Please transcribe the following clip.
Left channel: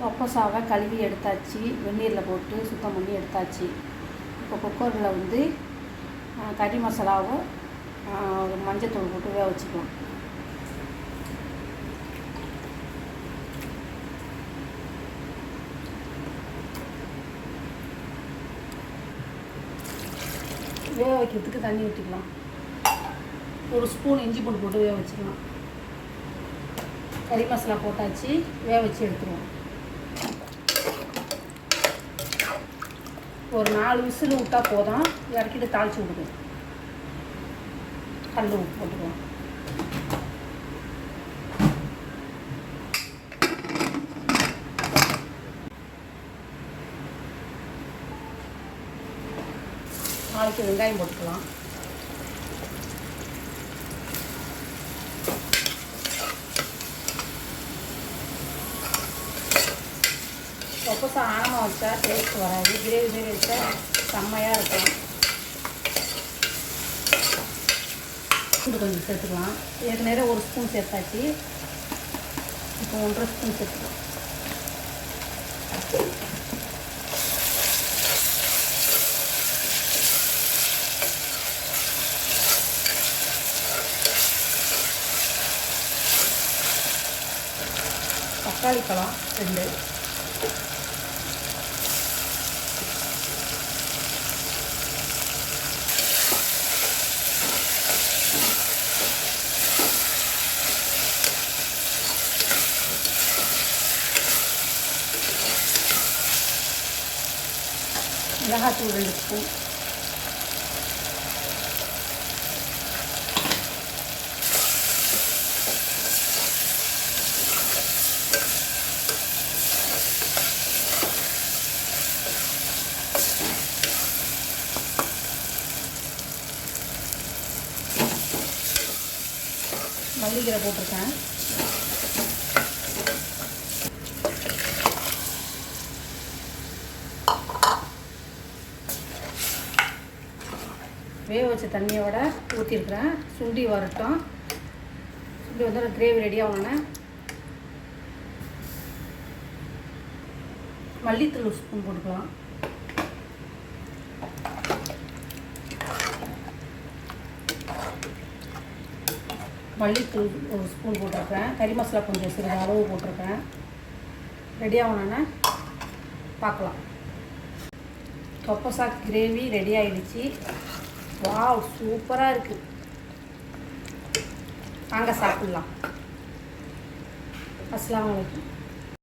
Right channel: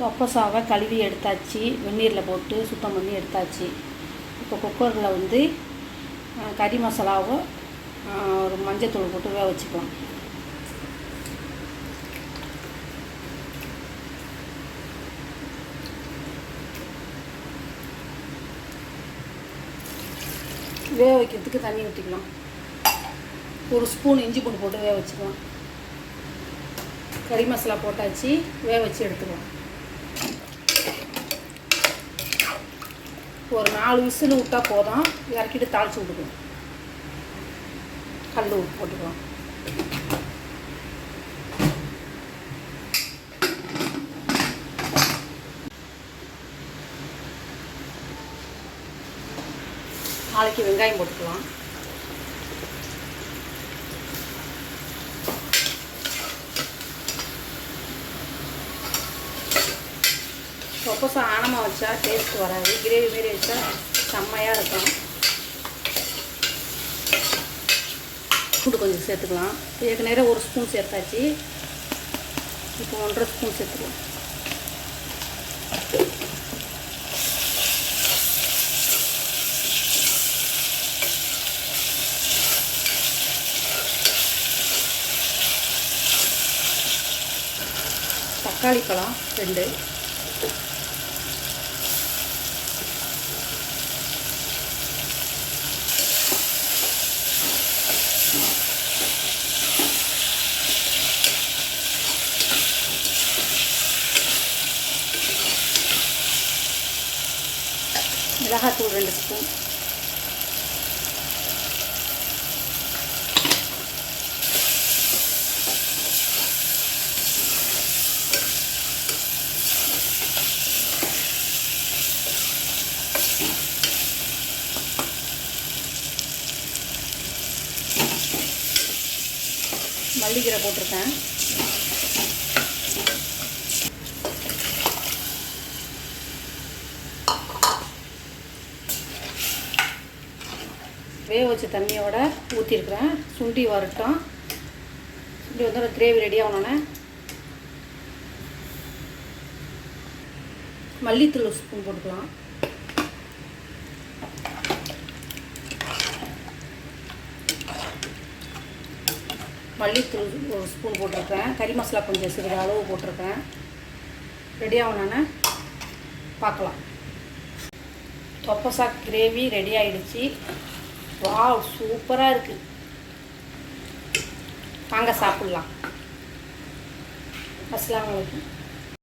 தொப்பசாவை கழுவி எடுத்தாச்சு, வெந்நீரில் போட்டு சுத்தம் பண்ணி எடுத்தாச்சு. இப்போ குக்கரில் வந்து கறி மசாலாவை ஒரு மஞ்சத்தூள் போட்டு வேக வச்சுக்கலாம். வேக வைக்கிறதுக்கு தண்ணி ஊற்றிக்கலாம். ஒரு ஸ்பூன் இஞ்சி பூண்டு போட்டு வேக வச்சுக்கலாம். கறி மசாலா போட்டாச்சு, வேக வச்சு எடுத்துக்கலாம். ஒரு 4 விசில் விட்டால் போதும். இறக்கிட்டு தாளித்து விட்டுக்கலாம். கல் உப்பு போட்டுக்கலாம். நாளைக்கு வெங்காயம் போட்டுக்கலாம். தொப்பசா ஆனமாக வச்சா டேஸ்ட் வராது. கிரேவி மாரி வச்சா செம்மையாக இருக்கும். பூண்டு கொஞ்சம் சேர்த்துக்கலாம். ஏற்கனவே ஒரு ஸ்பூன் சேர்த்தாச்சு. இப்போ 1.5 ஸ்பூன் சேர்த்துக்கலாம். தக்காளி பழம் 2, மிளகாத்தூள் 2 ஸ்பூன், மல்லிக்கீரை போட்டிருக்கேன். வேக வச்ச தண்ணியோட ஊற்றிருக்கிறேன். சுண்டி வரட்டும். சுண்டி வந்து கிரேவி ரெடி ஆகணுன்னே மல்லித்தூள் ஸ்பூன் போட்டுக்கலாம். மல்லித்தூள் 1 ஸ்பூன் போட்டிருக்கேன். கறி மசாலா கொஞ்சம் சிறிது அளவு போட்டிருக்கேன். ரெடி ஆகணுன்னு பார்க்கலாம். தொப்பசா கிரேவி ரெடி ஆகிடுச்சு. வாவ், சூப்பராக இருக்குது. வாங்க சாப்பிட்லாம். அஸ்ஸலாமு அலைக்கும்.